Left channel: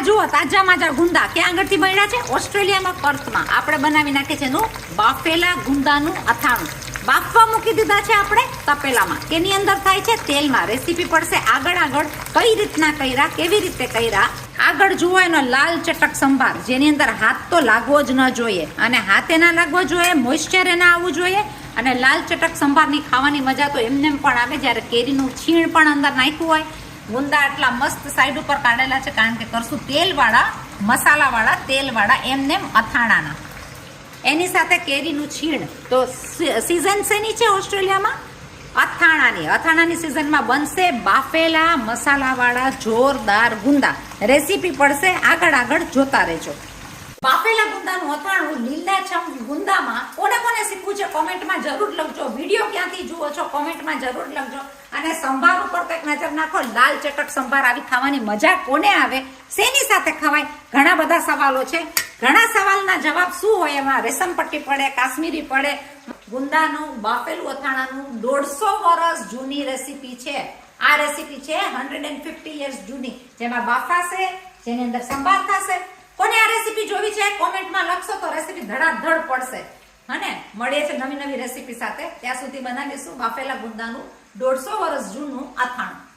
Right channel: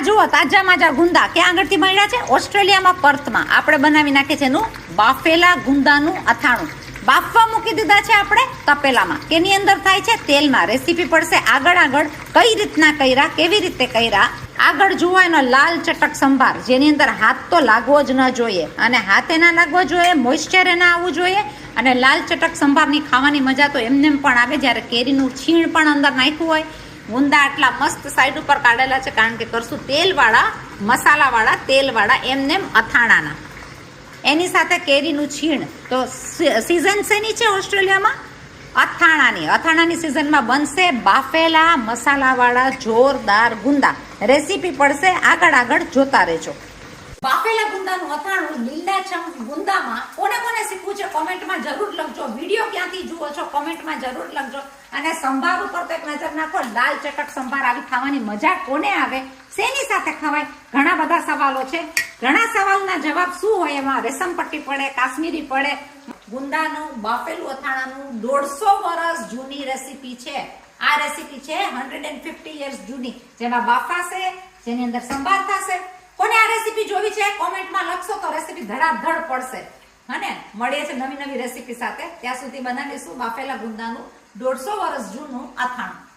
આ જુઓ, તાજા માજા ગુંદા ક્યાં આગળથી મળ્યા છે? ઓસ્ટ્રેલિયામાં, પર્થમાં. આપણે બનાવી નાખીએ છે એનું બાફેલા ગુંદાનું અથાણું. બાફવા મૂકી દીધા છે આપણે તપેલામાં. કેની અંદર થાય છે? તેલમાં. રેસીપી પડશે આગળ આગળ કઈ રીતના કર્યા, કેવી રીતે કર્યા? આગળ જુઓ એનો લાલ ચટક સંભાર. જેની અંદર હાથ તો લાગવો જ ન જોઈએ. અને હાથે ના લાગવો જોઈએ મોઇશ્ચર એના આવવું જોઈએ. અને લાલ ચટક સંભારની ખાવાની મજા તો એમને પણ આવે. જ્યારે કેરીનું છીણ પણ અંદર નાખ્યું હોય ગુંદા આટલા મસ્ત સાઈડ ઉપર કાઢેલા છે કારણ કે કરશું તેલવાળા, મસાલાવાળા તેલવાળા એમને અથાણાના. એની સાથે કેરીનું છીણ. તો સિઝન શેની છે ઓસ્ટ્રેલિયામાં? અથાણાની. અથાણાની સિઝનમાં બનશે બાફેલા મસાલાવાળા જોરદાર ગુંદા. રેસીપી પડશે આગળ આગળ જોતા રહેજો. બાફેલા ગુંદાનું અથાણું લીલાછમ ગુંદામાં કોને કોને શીખવું છે કોમેન્ટમાં જરૂર લખજો. વીડિયો ક્યાંથી જુઓ છો, કોમેન્ટમાં જરૂર લખજો. અને સંભાર ઉપર કંઈક નજર નાખો, લાલ ચટક સંભાર, આવી ખાવાની મજા કોને આવે? શેની સાથે ખવાય? ઘણા બધા સવાલો છે. ઘણા સવાલના જવાબ શું હોય એમાં? રેશમ પડે, કાશ્મીરી પડે, ગુંદાનું, બાફેલું અથાણાનું દોઢસો વર્ષ જૂની રેસીપી છે. આ રેસીપી છે હંડ્રેડ એન્ડ ફિફ્ટી યર્સ જૂની. જેમાં બાફાશે જેની અંદર સંભાર થશે. કોને આ રેસીપી જોવી છે? કોમેન્ટમાં લખશો તો રેસીપી ધડાધડ પડશે. હને મળીએ છે નવી નવી રેસીપી સાથે. ત્યાં સુધી બનાવીશું બાફેલા ગુંદાનું દોઢસો વર્ષ જૂનું અથાણું.